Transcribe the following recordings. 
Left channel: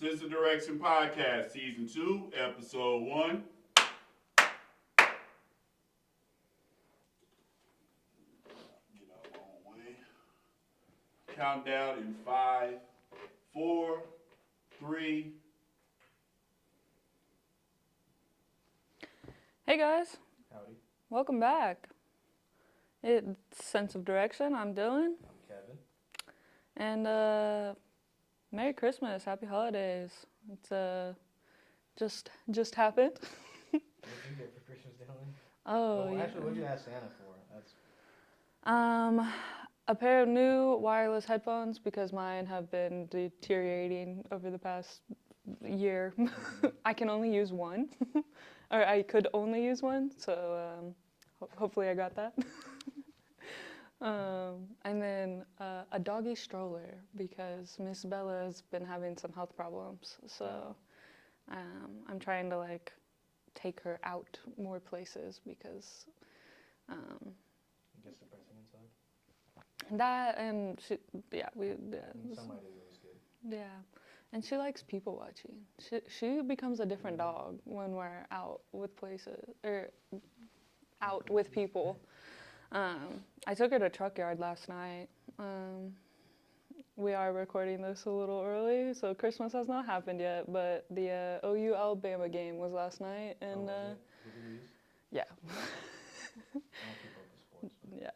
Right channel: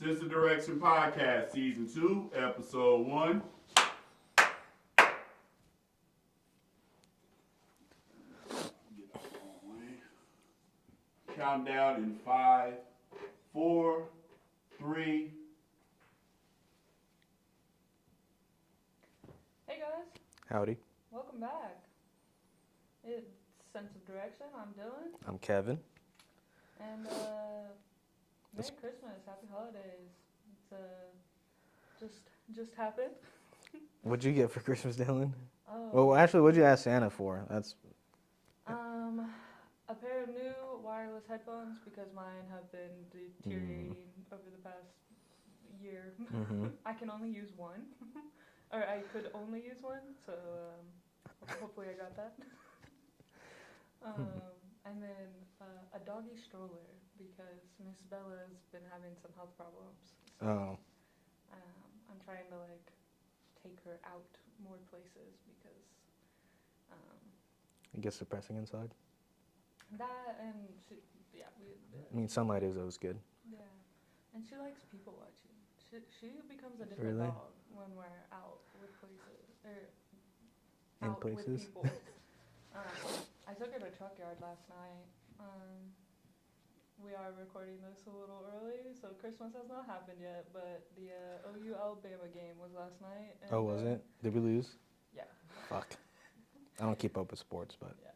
Sister Direction Podcast, Season 2, Episode 1. Get out the wrong way. Countdown in 5, 4, 3. Hey guys, Howdy. welcome back. It's Sense of Direction. I'm Dylan. I'm Kevin. And Merry Christmas, Happy Holidays. It's just happened. What'd you get for Christmas, Dylan? Oh. Well, actually, what'd you ask Santa for? That's a pair of new wireless headphones because mine have been deteriorating over the past year. I can only use one, or I could only use one. So hopefully I got that. And then a doggy stroller because Miss Bella's been having some health problems. So I'm trying to take her out more places because it gets depressing inside. that and she, yeah, we. I mean, sunlight is always good. Yeah, and she likes people watching. She becomes a different Really? dog when we're out with places or out places? with people. I took her to Truck Yard last night. We are recording this a little early, so Christmas has not happened yet, but the OU Alabama game was last night. And, Oh, was it? Did we lose? Yeah. Fuck. I don't keep up with sports, but. Yeah.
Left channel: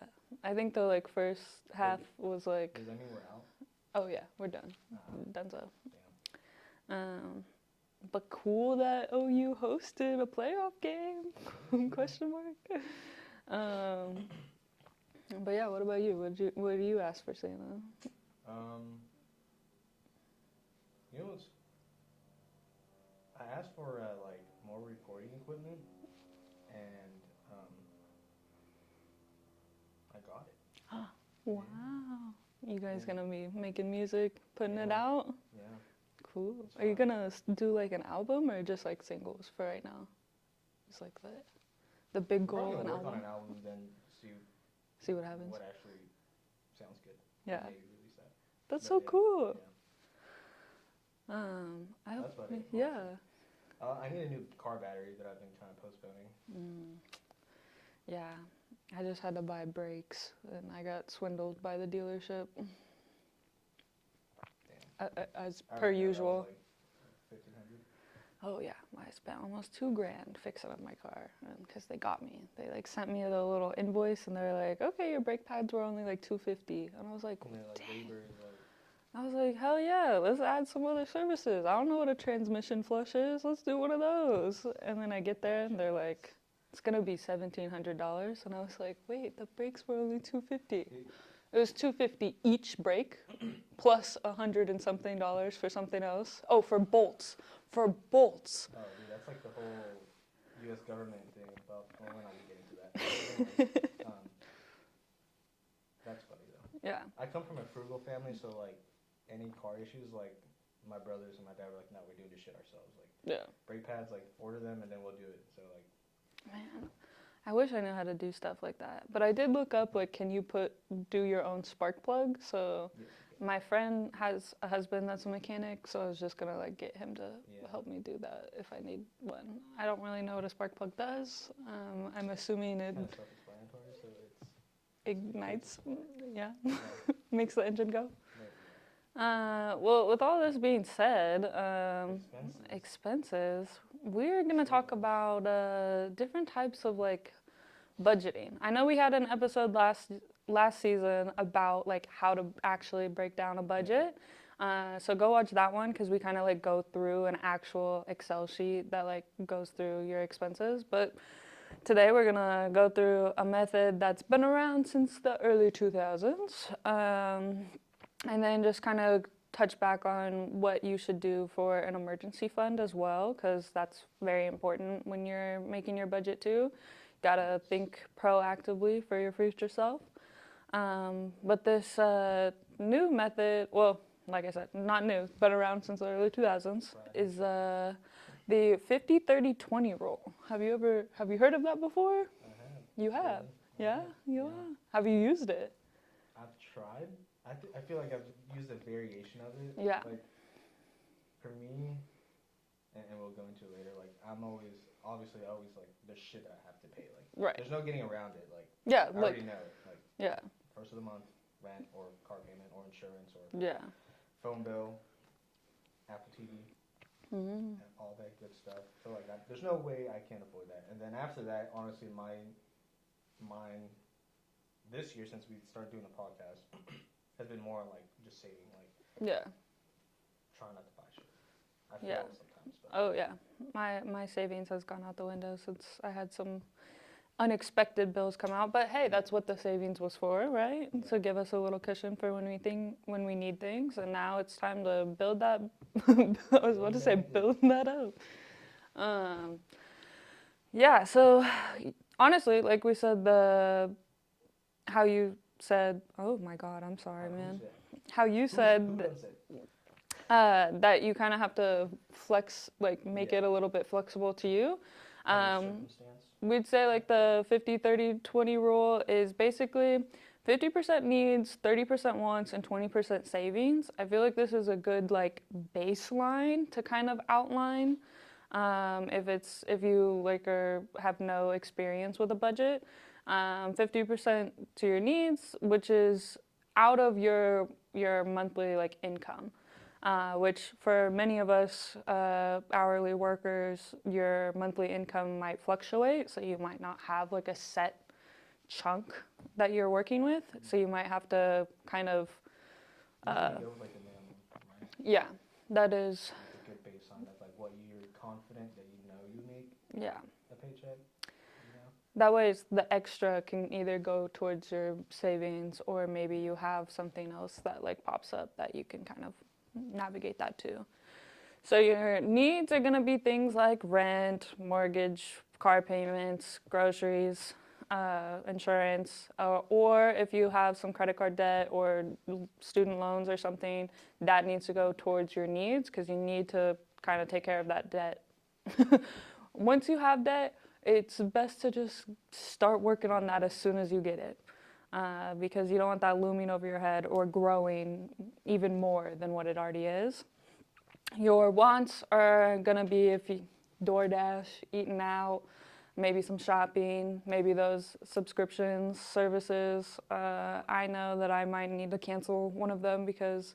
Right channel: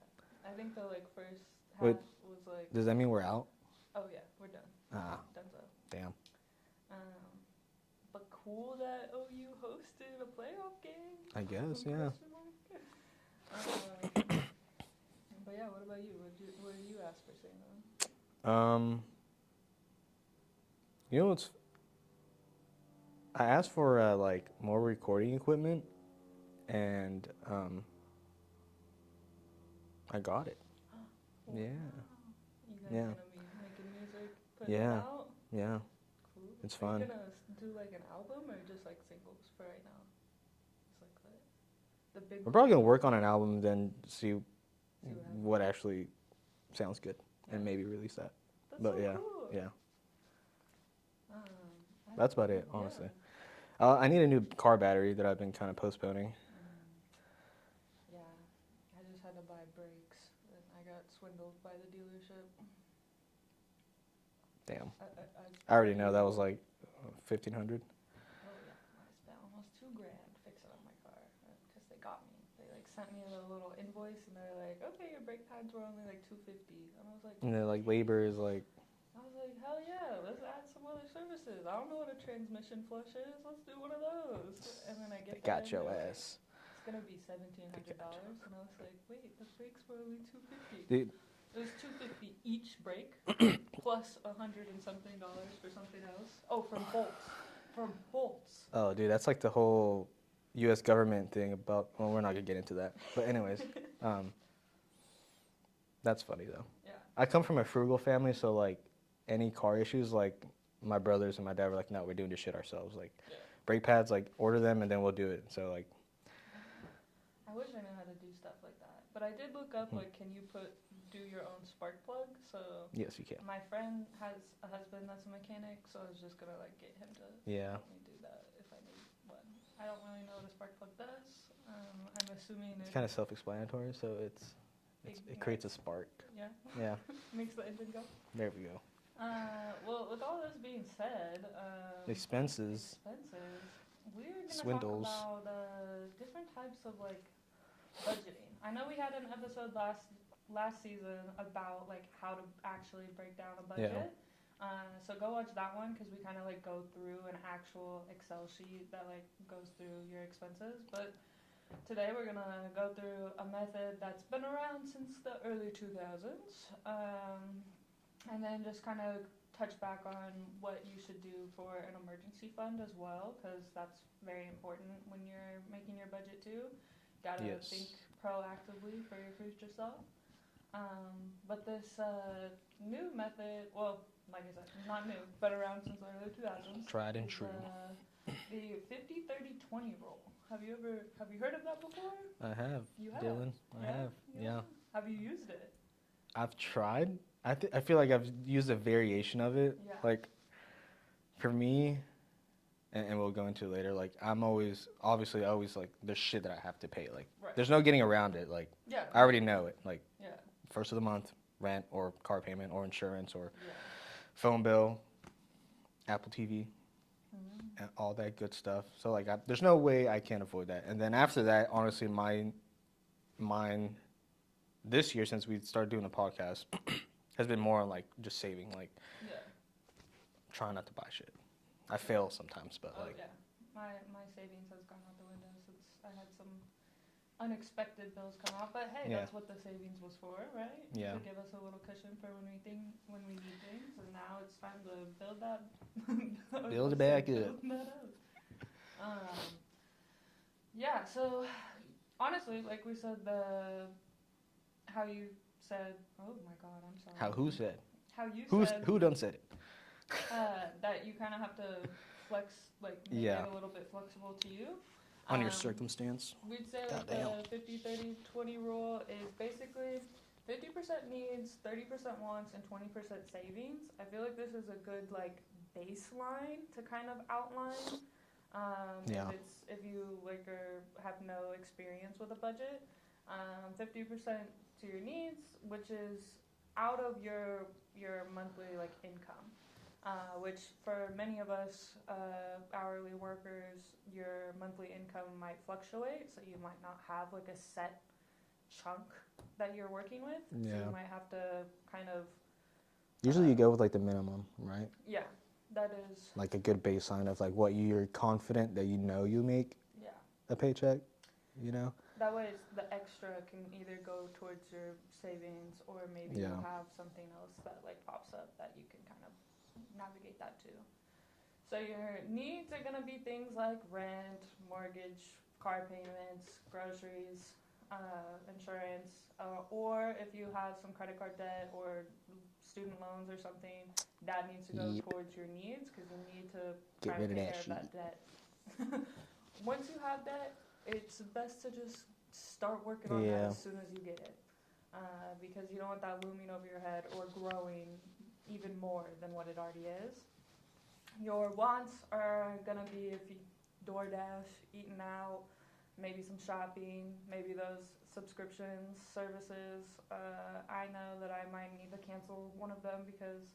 I think the first half was Does that mean we're out? oh yeah, we're done. Donezo. Damn. But cool that OU hosted a playoff game. I guess, yeah. Question mark. But yeah, what about you? What do you ask for Santa? You know what's... I asked for, more recording equipment, and, I got it. Wow. Yeah. You guys Yeah. gonna be making music, putting it Yeah. out? Yeah. Cool. It's Are you fun. gonna do an album or just singles for right now? It's the big. We're probably gonna goal work on an album, then see what happens. what actually sounds good, Yeah. and maybe release that. That's But so yeah, cool. Yeah. I That's hope- about it, honestly. Yeah. I need a new car battery that I've been kind of postponing. Yeah. I just had to buy brakes, and I got swindled by the dealership. Damn. As I already per know usual. that was like $1,500. Oh yeah, I spent almost $2,000 fixing up my car because they got me. They sent me the little invoice, and they're like, "Okay, your brake pads were only $250," and I was like, And then labor is "Hell yeah, let's add some other services. I don't know what a transmission flush is. Let's do one of those." And then I get there, and Got your they're like, ass. "It's gonna be $1,700," and I was like, "Wait, the brakes were only $250." Dude. It was $250 each brake, plus $100 and something for something else. Oh, for bolts. For bolts. Oh, dude, that's the whole U.S. government thing about. Well, we're not gonna get into that. But anyways, that's funny though. Yeah. I come from a frugal family, so any car issues, my brothers and my dad were like, "No, we're doing this shit ourselves." Yeah. Brake pads, order them and then we'll do it. So Man, I wish I knew how to do stuff like that. But I did look up, can you do your own spark plug? So yes, you can. my friend has a husband that's a mechanic, so I was just gonna get him to help me do that if I need one. I don't really know what a spark plug does. I'm assuming It's kind of self-explanatory, so it creates a spark. Yeah. Yeah, Makes the engine go. there we go. Well, with all this being said, Expenses. we're going to talk Swindles. about different types of budgeting. I know we had an episode last season about how to actually break down a budget. So go watch that one because we kind of go through an actual Excel sheet that goes through your expenses. But today we're going to go through a method that's been around since the early 2000s. And then just kind of touch back on what you should do for an emergency fund as well, because that's very important when you're making your budget too. Gotta Yes. think proactively for your future self. But this new method, well, like I said, not new, but around since the early 2000s, Tried and is true. the 50-30-20 rule. Have you heard of that before? I have. You have? Dylan. I Yeah? have. You Yeah. have? Have you used it? I've tried. I feel like I've used a variation of it. Yeah. for me, and we'll go into it later, like, I'm always, obviously, always, like, there's shit that I have to pay. Like, Right. there's no getting around it. Like, Yeah. I already know it. Like, Yeah. first of the month, rent or car payment or insurance or Yeah. phone bill, Apple TV, Mm-hmm. and all that good stuff. So, like, there's no way I can't avoid that. And then after that, honestly, mine this year, since we started doing the podcast, has been more on, like, just saving, like, Yeah. trying not to buy shit. I fail sometimes, but. Oh like, yeah, my savings has gone out the window since I had some unexpected bills come out. But hey, that's what the savings was for, right? Yeah. To give us a little cushion for when we need things. And now it's time to build that. I was about to say build that up. Yeah. So honestly, like we said, how you said. Oh my God, I'm sorry. Who said? How you said. Who done said it? That you kind of have to flex, like make it a little bit flexible to you. On your circumstance. We'd say like the 50-30-20 rule is basically 50% needs, 30% wants, and 20% savings. I feel like this is a good like baseline to kind of outline if you like have no experience with a budget. 50% to your needs, which is out of your monthly like income. Which for many of us hourly workers, your monthly income might fluctuate, so you might not have like a set chunk that you're working with, so you might have to kind of... Usually you go with like the minimum, right? Yeah, that is... Like a good baseline of like what you're confident that you know you make a paycheck, you know? That way the extra can either go towards your savings or maybe you have something else that like pops up that you can kind of navigate that too. So your needs are going to be things like rent, mortgage, car payments, groceries, insurance, or if you have some credit card debt or student loans or something, that needs to go towards your needs because you need to kind of take care of that debt. Once you have debt, it's best to just start working on that as soon as you get it. Because you don't want that looming over your head or growing even more than what it already is. Your wants are going to be if you DoorDash, eating out, maybe some shopping, maybe those subscriptions, services. I know that I might need to cancel one of them because,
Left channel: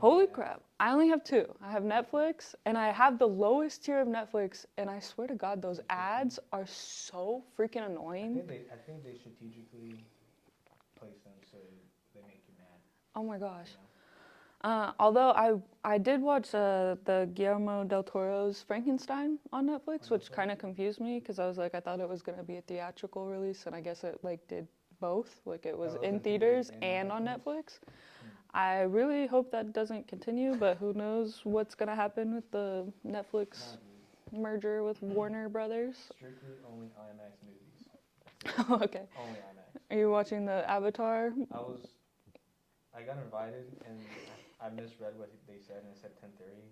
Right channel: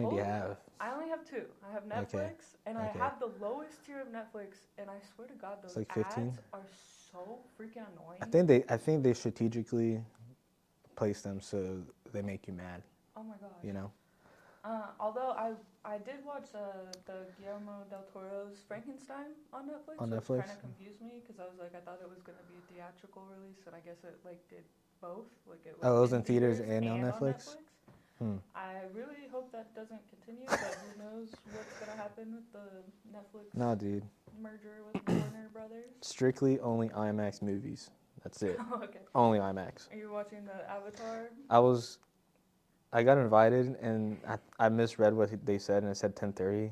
holy crap, I only have 2. I have Netflix, and I have the lowest tier of Netflix, and I swear to God, those like ads are so freaking annoying. I think they strategically place them so they make you mad. Oh my gosh. You know? Although I did watch the Guillermo del Toro's Frankenstein on Netflix, which kind of confused me because I was like, I thought it was going to be a theatrical release, and I guess it like did both. Like it was in theaters and on Netflix. I really hope that doesn't continue, but who knows what's going to happen with the Netflix merger with Warner Brothers. Strictly only IMAX movies. That's it. Okay. Only IMAX. Are you watching the Avatar? I got invited, and I misread what they said, and it said 10:30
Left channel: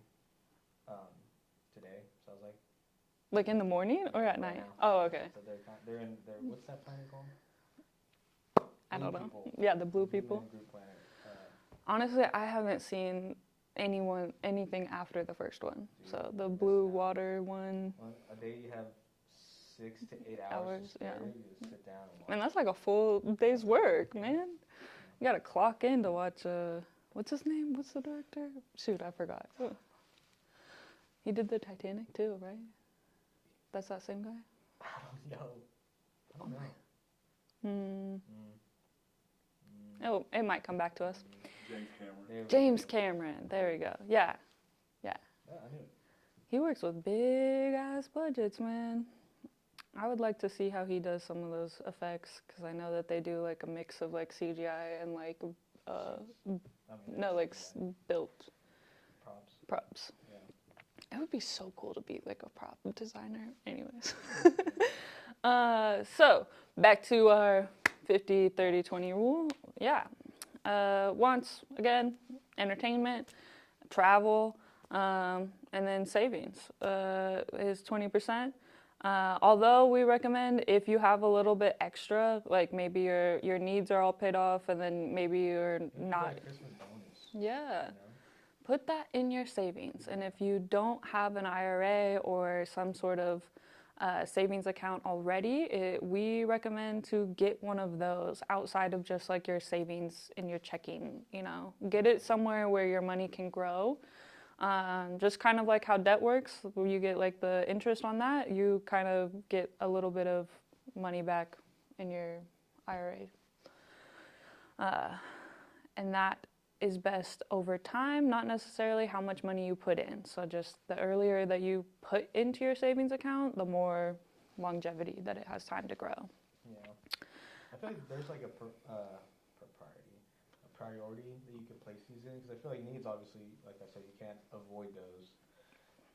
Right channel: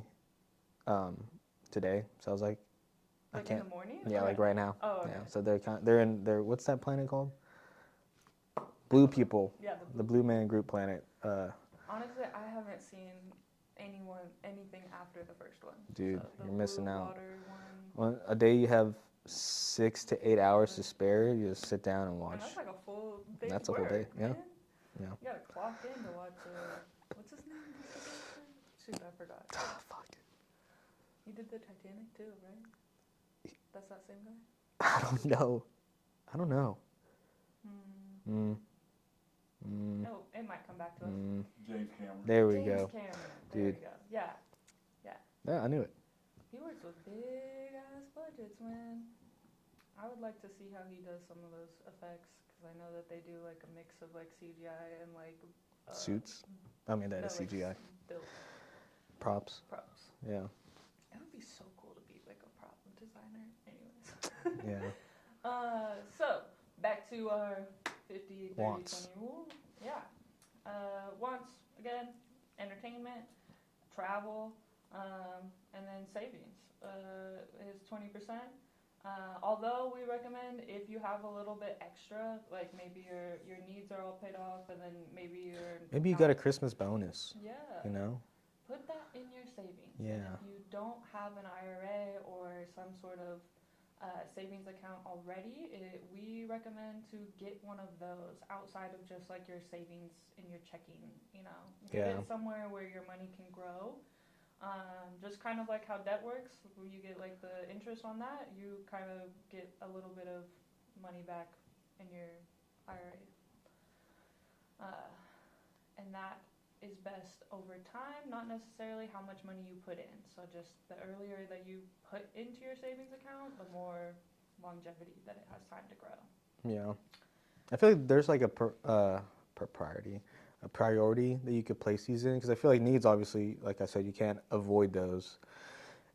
today. So I was like... Like in the morning? Yeah, or like right now. Oh, okay. Yeah, so they're in what's that planet called? Blue People. Yeah, the Blue People. Blue Man Group planet. Honestly, I haven't seen anything after the first one. Dude, so the you're Blue missing out. Water one. Well, a day you have 6 to 8 hours to spare. You just sit down and watch. And that's like a full day's work, man. Yeah. You gotta clock in to watch. What's his name? What's the director? Shoot, I forgot. Oh, fuck. He did the Titanic too, right? That's that same guy. I don't know. Oh, it might come back to us. James Cameron. James Cameron. There we go. Yeah. Yeah, I knew it. He works with big ass budgets, man. I would like to see how he does some of those effects because I know that they do like a mix of like CGI and like suits. I mean, that's like CGI. Built Props. Yeah. It would be so cool to be like a prop designer. Anyways. So back to our 50-30-20 rule. Yeah. Wants, again, entertainment, travel, and then savings is 20%. Although we recommend if you have a little bit extra, like maybe your needs are all paid off and then maybe you got a Christmas bonus. Yeah. You know? put that in your savings. And Yeah. if you don't have an IRA or some sort of savings account already, we recommend to get one of those outside of just like your savings in your checking, you know. Get Yeah. it somewhere where your money can grow. Just kind of like how debt works, where you get like the interest on that, you kind of get a little bit of money back in your IRA. And that is best over time, not necessarily how much money you put in. So just the earlier that you put into your savings account, the more longevity that it has time to grow. Yeah. I feel like there's like a priority that you could place these in, because I feel like needs, obviously, like I said, you can't avoid those.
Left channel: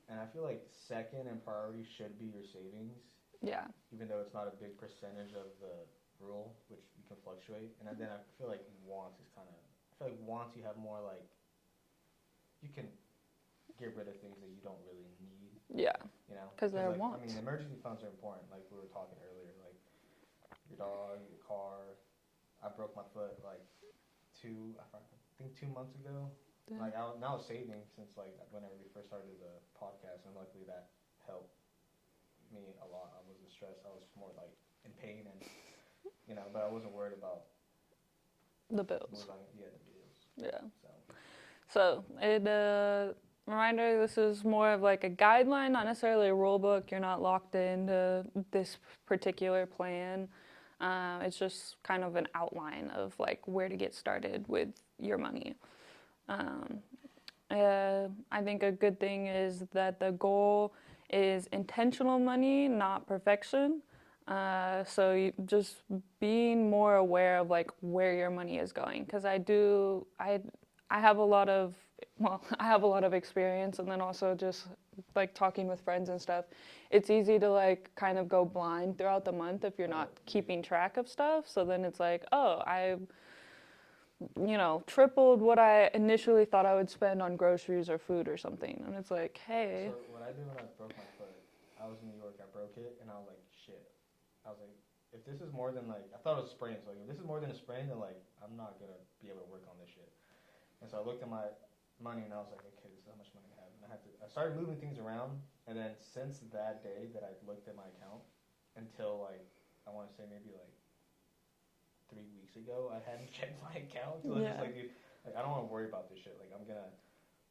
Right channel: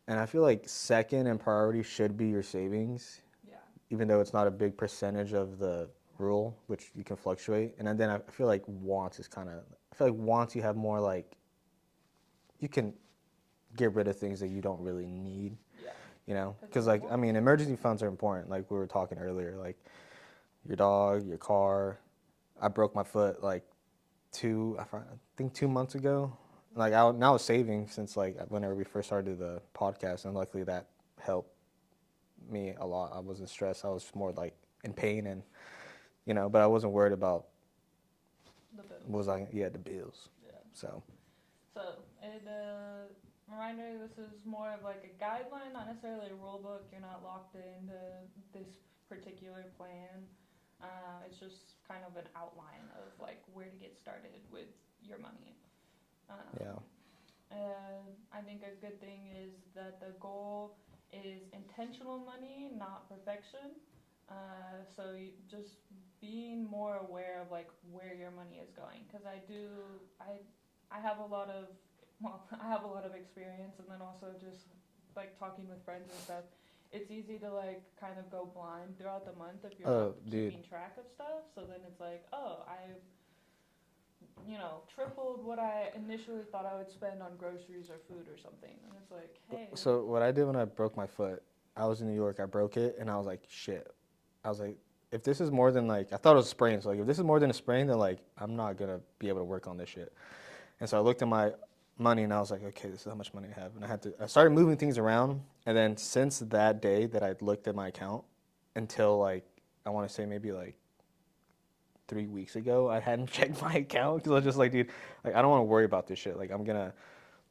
And I feel like second in priority should be your savings, Yeah. even though it's not a big percentage of the rule, which you can fluctuate. And then I feel like wants is kind of, I feel like wants you have more like, you can get rid of things that you don't really need, Yeah. you know? 'Cause Because they're like, I mean, wants. emergency funds are important, like we were talking earlier, like your dog, your car. I broke my foot like I think 2 months ago. Like I was saving since like whenever we first started the podcast, and luckily that helped me a lot. I wasn't stressed. I was more like in pain, and you know, but I wasn't worried about The bills. the bills. Yeah. So Reminder, this is more of like a guideline, not necessarily a rule book. You're not locked into this particular plan. It's just kind of an outline of like where to get started with your money. I think a good thing is that the goal is intentional money, not perfection. So you just being more aware of like where your money is going, because I have a lot of experience, and then also just like talking with friends and stuff. It's easy to like kind of go blind throughout the month if you're not keeping track of stuff. So then it's like, oh, I tripled what I initially thought I would spend on groceries or food or something. And it's like, hey. So what I did when I broke my foot, I was in New York, I broke it, and I was like, shit. I was like, if this is more than like, I thought it was a sprain, so like, if this is more than a sprain, then like, I'm not gonna be able to work on this shit. And so I looked at my money, and I was like, okay, this is how much money I have. And I started moving things around, and then since that day that I looked at my account until like, I want to say maybe like 3 weeks ago, I hadn't checked my account, because I was just like, dude, like, I don't want to worry about this shit. Like, I'm gonna,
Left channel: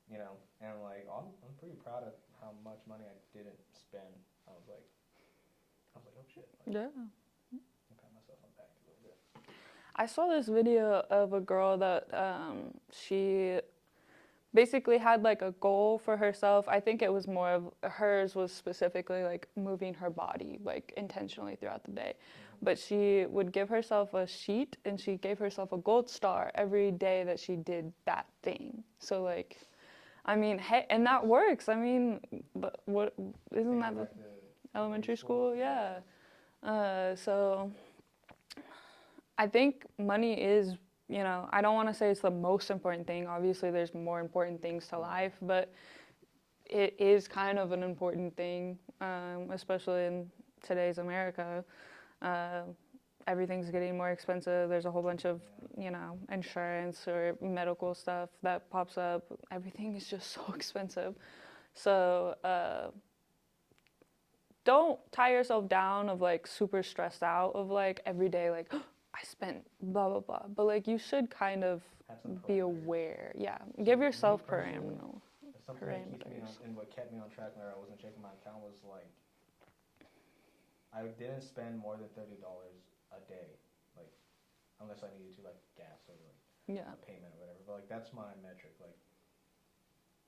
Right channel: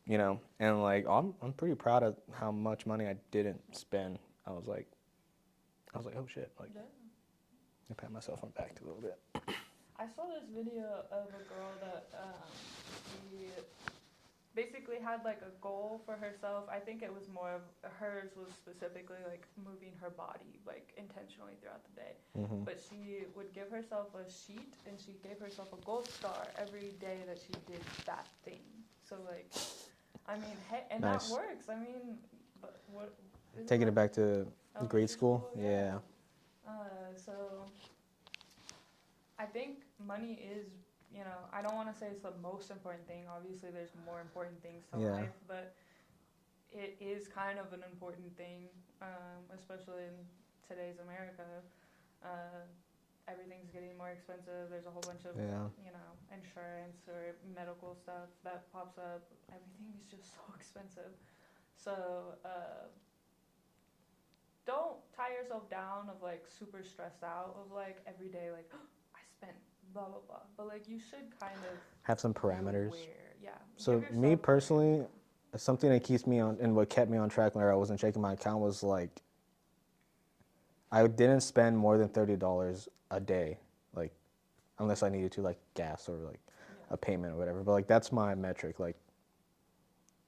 you know, and like, I'm pretty proud of how much money I didn't spend. I was like, oh shit. Like, Yeah. I pat myself on the back a little bit. I saw this video of a girl that she basically had like a goal for herself. I think it was more of hers was specifically like moving her body like intentionally throughout the day. Mm-hmm. But she would give herself a sheet, and she gave herself a gold star every day that she did that thing. So like, I mean, hey, and Nice. that works. I mean, but what isn't Taking that it back to elementary grade school? Yeah. So I think money is, I don't want to say it's the most important thing. Obviously, there's more important things to life, but it is kind of an important thing, especially in today's America. Everything's getting more expensive. There's a whole bunch of, insurance or medical stuff that pops up. Everything is just so expensive. So don't tie yourself down of like super stressed out of like every day, like, oh, I spent blah, blah, blah. But like you should kind of have some parameters. Be aware. Yeah. So give yourself me personally, parameters. something that keeps me on, and what kept me on track whenever I wasn't checking my account was like, I didn't spend more than $30 a day, like, unless I needed to, like gas or like a payment or whatever. But like that's my metric. Like,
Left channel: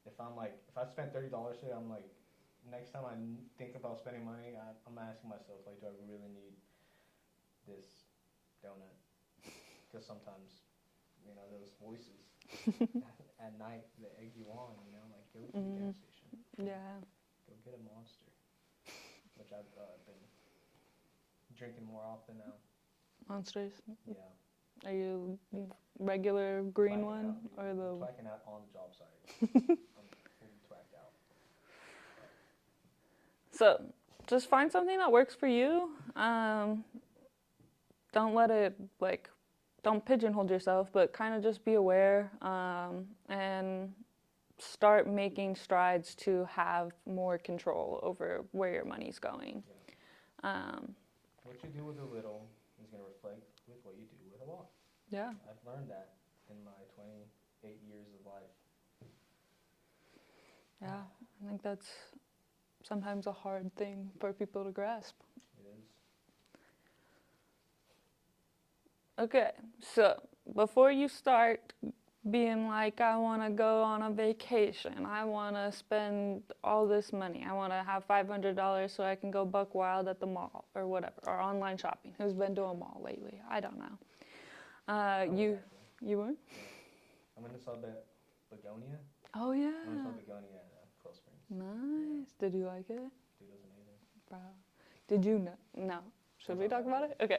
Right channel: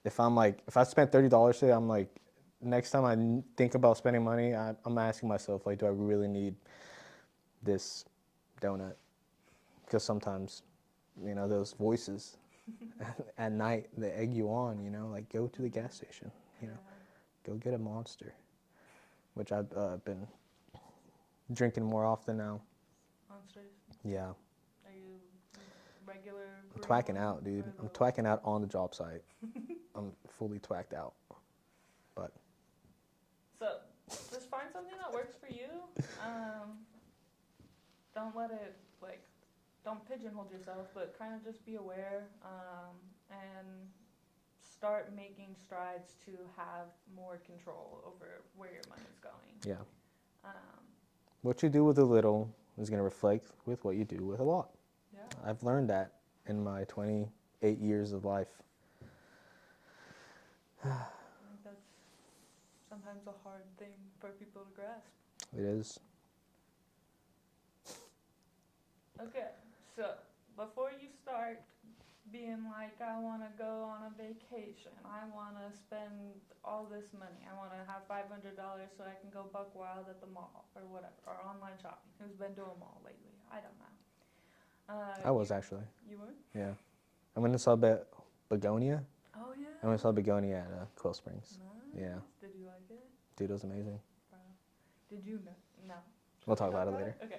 if I spent $30 today, I'm like, next time I think about spending money, I'm asking myself, like, do I really need this donut? Because sometimes, those voices at night, they egg you on, like, go to the gas station. you know, go get a Monster, which I've been drinking more often now. Monsters? Yeah. Are you regular green Twacking one, out, dude. I'm twacking out on the job site. I'm fully twacked out. But so just find something that works for you. Don't let it don't pigeonhole yourself, but kind of just be aware and start making strides to have more control over where your money's going. Yeah. Um, What you do with a little is going to reflect with what you do with a lot. yeah. I've learned that in my 28 years of life. Yeah. I think that's sometimes a hard thing for people to grasp. It is. Okay, so before you start being like, I want to go on a vacation, I want to spend all this money, I want to have $500 so I can go buck wild at the mall or whatever, or online shopping. Who's been to a mall lately? I don't know. I was actually. You were? Yeah. I went and saw Begonia. Oh, yeah. I went and saw Begonia at Quill Springs. Nice. Yeah. Did you like it? Dude, it was amazing. Bro. Did you know? No. We'll Should we talk about it Okay.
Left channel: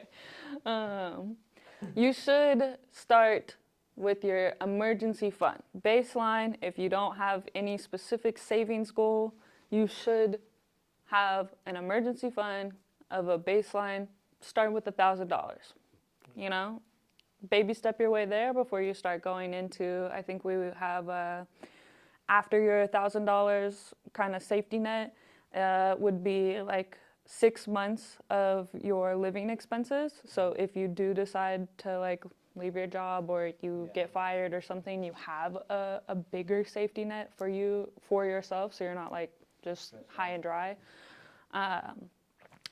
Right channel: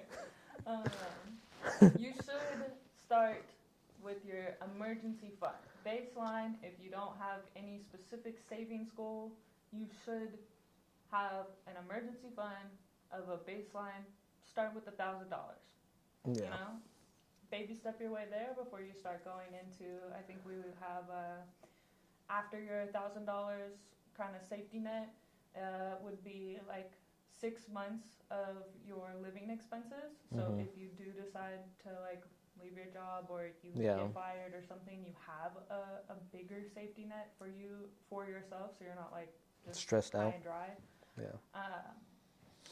You should start with your emergency fund. Baseline, if you don't have any specific savings goal, you should have an emergency fund of a baseline. Start with $1,000. Yeah. You know, baby step your way there before you start going into, I think we have after your $1,000 kind of safety net would be like 6 months of your living expenses. So if you do decide to like leave your job or you get fired or something, you have a bigger safety net for yourself, so you're not like just stressed high out. and dry. Yeah.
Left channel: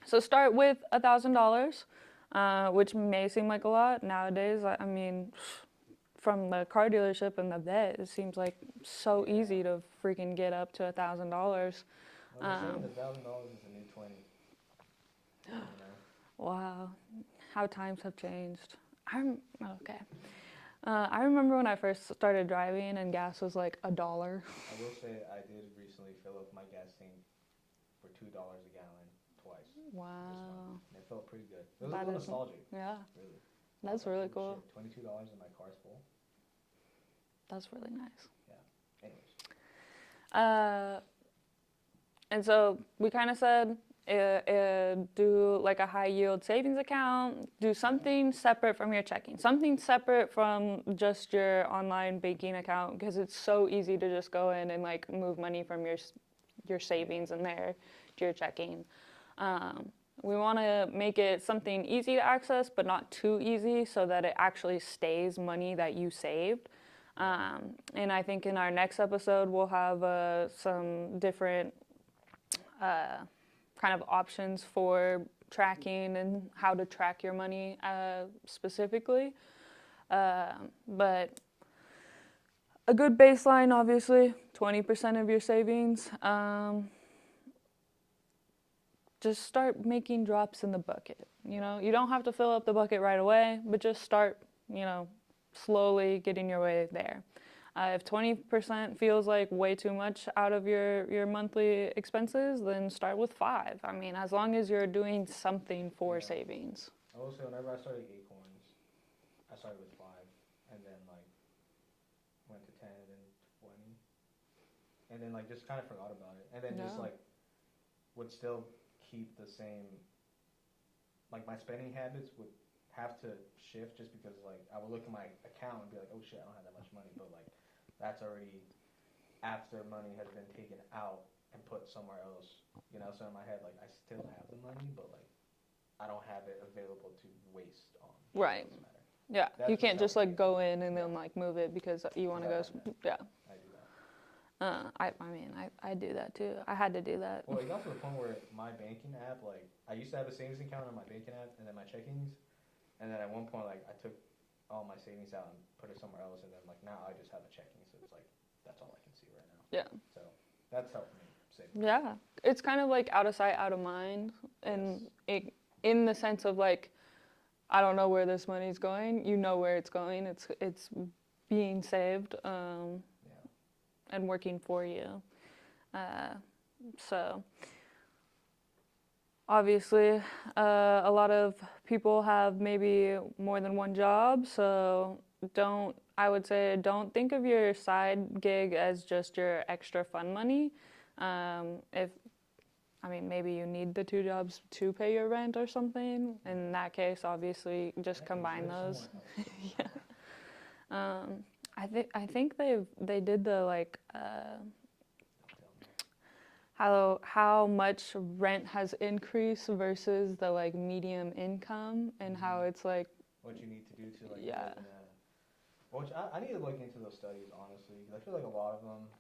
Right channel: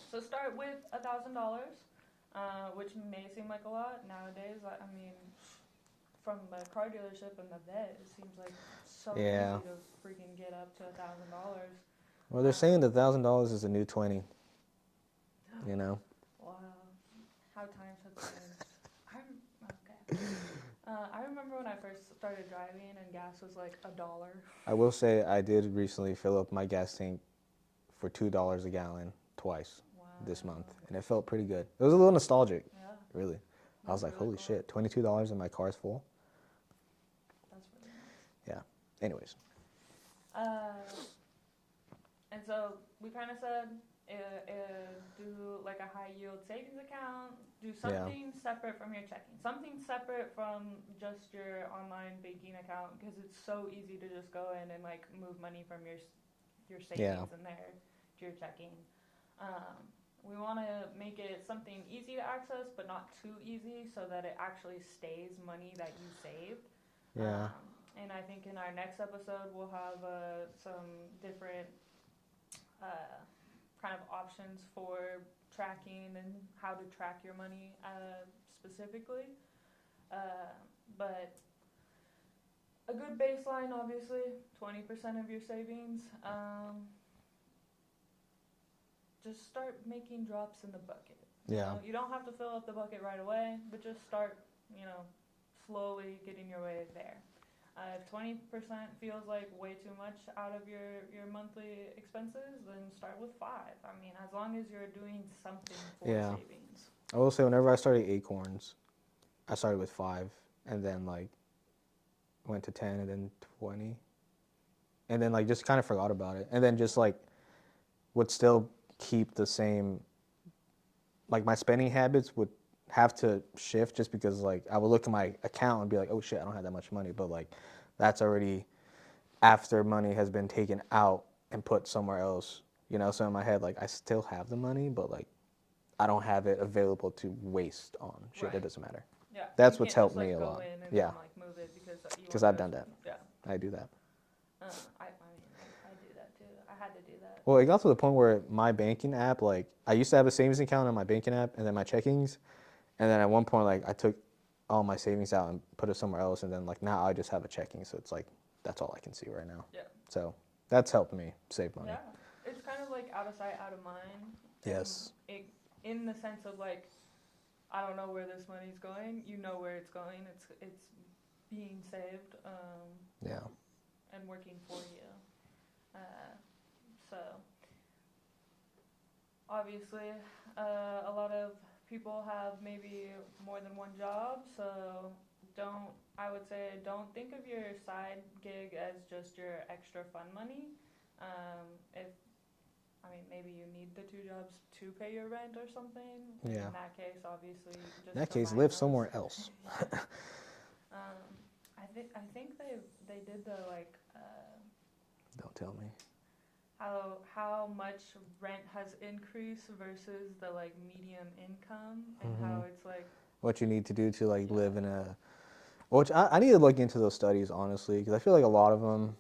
So start with $1,000, which may seem like a lot nowadays. I mean, from the car dealership and the vet, it seems like so Yeah. easy to freaking get up to $1,000. Well, they're saying the $1,000 is a new 20. You know. Wow, how times have changed. I remember when I first started driving and gas was like $1. I will say I did recently fill up my gas tank for $2 a gallon twice this month, and it felt pretty good. It was a little nostalgic. Yeah. Really. I That's was like, really holy cool. shit, $22 and my car's full. That's really nice. Yeah. Anyways. And so we kind of said do like a high yield savings account, do something separate from your checking, something separate from just your online banking account, because it's so easy to just go in and like move money from your savings in there to your checking. We want to make it something easy to access, but not too easy, so that it actually stays money that you saved. Yeah. And I think in our next episode, we'll have some different kind of options for tracking and how to track your money specifically. But a good baseline, obviously, 20% of your savings. Just start making drops in the bucket. You know, you don't have to fill up the bucket right away, but just start, slowly getting your way there. If 20% feels like way too much out of your monthly expenses, then start with 5. I mean, as long as you're doing something for savings. I will say whenever I started Acorns, I started with 5, and then like went to 10, and then 20, and then like just kind of forgot about it, and then just like would still keep the same. Like my spending habits would have to shift, just because like I would look at my account and be like, oh shit, I don't have that much money, but like that's already after money has been taken out and put somewhere else, so in my head like I still have the money, but like I don't have it available to waste on shit that doesn't matter. Yeah, that's you what's can't just helped like me a go lot. in and then like move it because you want to. Because I've done that. Yeah, I do that. I do that too. I had to do that. Well, it got to the point where my banking app, like I used to have a savings account on my banking app and then my checkings, and then at one point like I took all my savings out and put it somewhere else, and then like now I just have a checking, so it's like that's all I can see right now. Yeah. So that's helped me save money. Yeah, it's kind of like out of sight, out of mind. Yes. And in the sense of like, I don't know where this money's going. You know where it's going. It's being saved. And working for you. So obviously, a lot of people have maybe more than one job, so I would say don't think of your side gig as just your extra fun money. Maybe you need the 2 jobs to pay your rent or something. In that case, obviously, just combine live those. somewhere else. I I think they did the like Don't tell me. how much rent has increased versus the like medium income and how it's like What you need to do to like Yeah. live in a, which I need to look into those studies honestly, because I feel like a lot of them,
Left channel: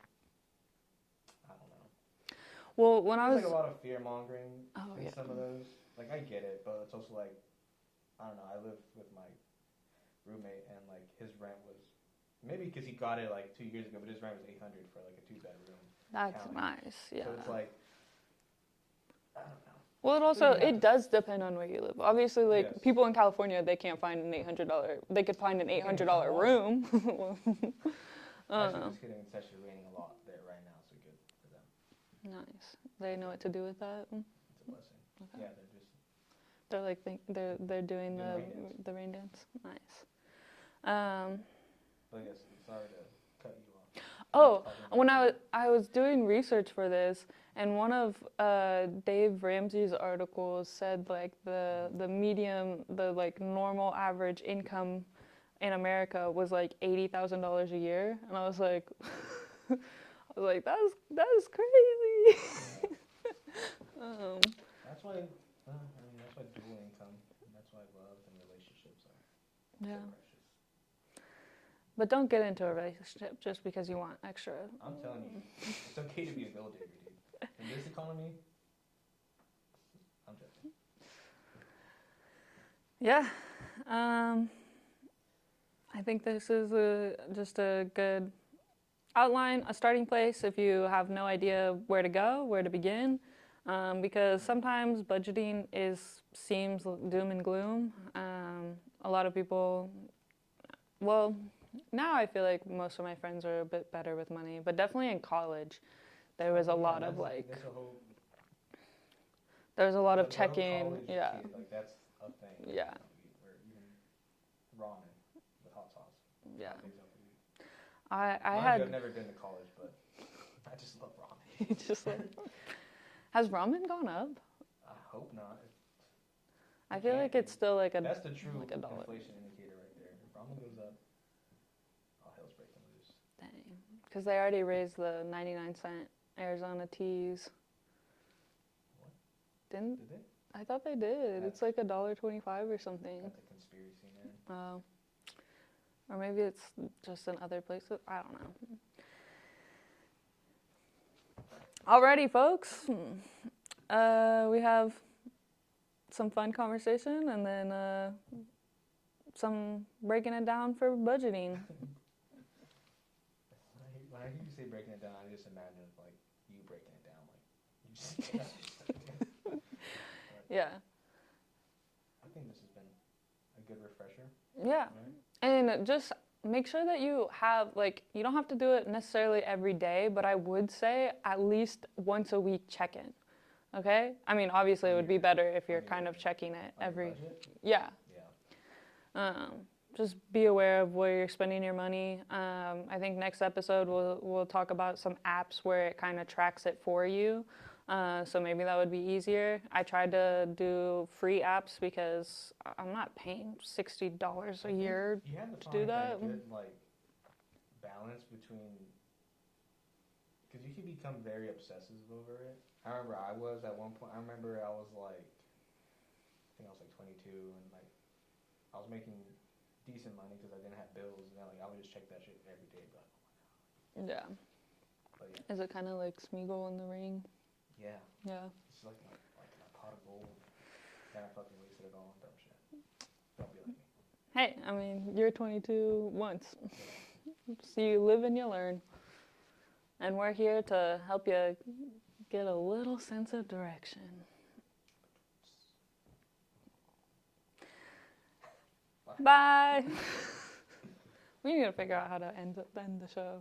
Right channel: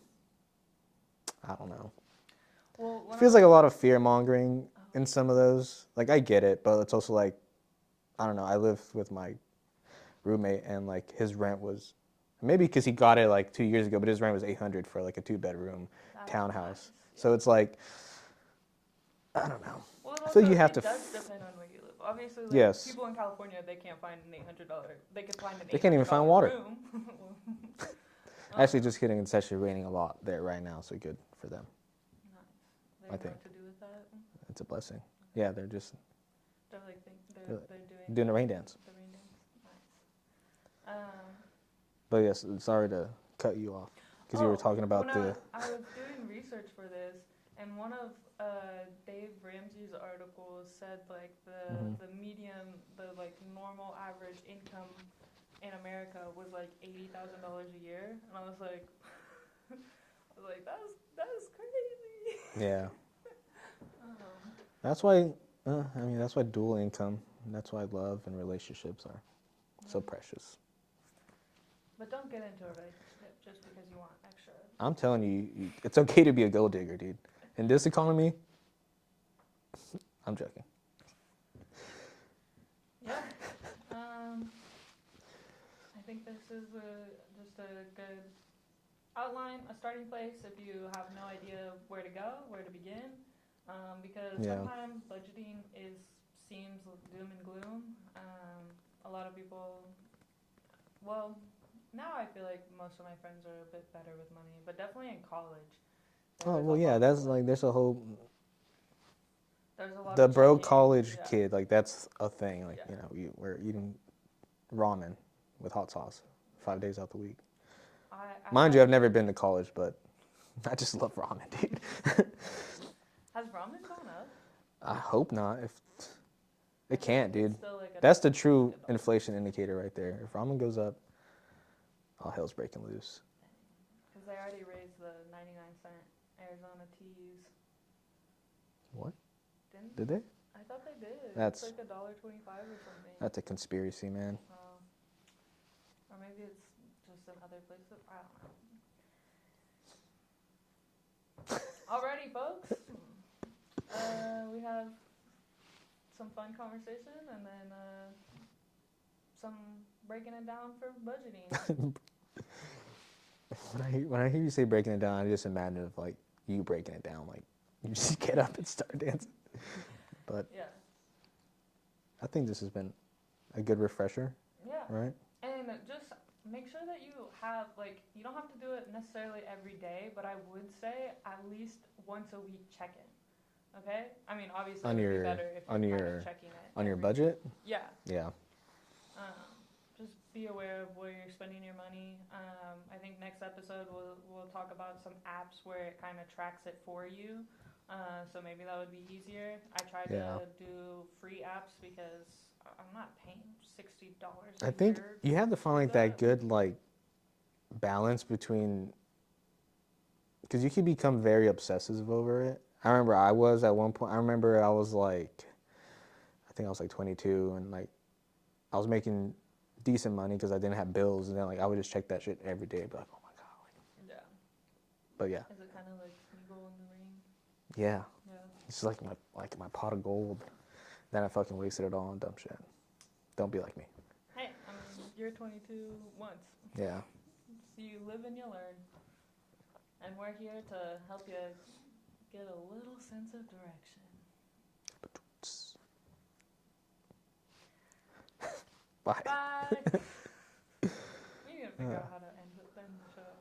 I don't know. well when It I feels was, like a lot of fear mongering Oh, in okay. some of those. Like I get it, but it's also like, I don't know. I live with my roommate, and like his rent was, maybe because he got it like 2 years ago, but his rent was $800 for like a 2-bedroom that's townhouse. nice, So yeah. it's like, I don't know. Well, it I feel also like you have it to does depend on where you live. Obviously, like Yes. people in California, they can't find an $800. They could find an They can't even find $800 water. room. Actually, just kidding. It's actually raining a lot there right now, so good for them. Nice. They I know think. what to do with that. It's a blessing. Yeah, they're just They're like they're doing the rain dance. The rain dance. Nice. But yes, sorry to cut you off because you were talking about when the. I was doing research for this, and one of Dave Ramsey's articles said like the medium, the like normal average income in America was like $80,000 a year, and I was like, that is crazy. Yeah. That's why. I mean, that's why dual income. That's why love and relationships are so Yeah. precious. But don't get into a relationship just because you want extra. I'm telling you, it's okay to be a gold digger, dude. In this economy, I'm joking. Yeah. I think this is just a good outline, a starting place if you have no idea where to go, where to begin. Because Yeah. sometimes budgeting seems doom and gloom. A lot of people, well, now I feel like most of my friends are a bit better with money, but definitely in college, there was a lot that's of like there's a whole there's a lot the of broke checking, college yeah. kid, like that's a thing. Like Yeah. we're eating ramen with hot sauce 5 days out the week. I Mind you, I've never been to college, but I just love ramen, dude. Has ramen gone up? I hope not. If I it feel can't, like dude. it's still like That's the true like $1. inflation indicator right there. If ramen goes up, all hell's breaking loose. Dang. Because they already raised the 99-cent Arizona teas. What? Didn't? Did they? I thought they did. That's- It's like $1.25 or something. That's a conspiracy, man. Oh. Or maybe it's just in other places. I don't know. Alrighty, folks. We have some fun conversation and then some breaking it down for budgeting. When I hear you say breaking it down, I just imagine of like you breaking it down, like you just get up and start dancing. But Yeah. I think this has been a good refresher, Yeah. right? And just make sure that you have, like, you don't have to do it necessarily every day, but I would say at least once a week check-in. Okay? I mean, obviously it would be better if you're kind of checking it on every... your budget. Yeah. Yeah. Just be aware of where you're spending your money. I think next episode we'll talk about some apps where it kind of tracks it for you. So maybe that would be easier. I tried to do free apps because I'm not paying $60 a year. I think you have to find do like that good like balance between, because you can become very obsessive over it. I remember I was at one point. I remember I was like, I think I was like 22, and like I was making decent money because I didn't have bills, and then like I would just check that shit every day, but like, oh my god. Yeah. But yeah. Is it kind of like Smeagol in the Ring? Yeah. Yeah. It's like my pot of gold. Then I fucking wasted it all on dumb shit. Don't be like me. Hey, I mean, you're 22 once. Yeah. So you live and you learn. And we're here to help you get a little sense of direction. Bye. Bye. We need to figure out how to end the show.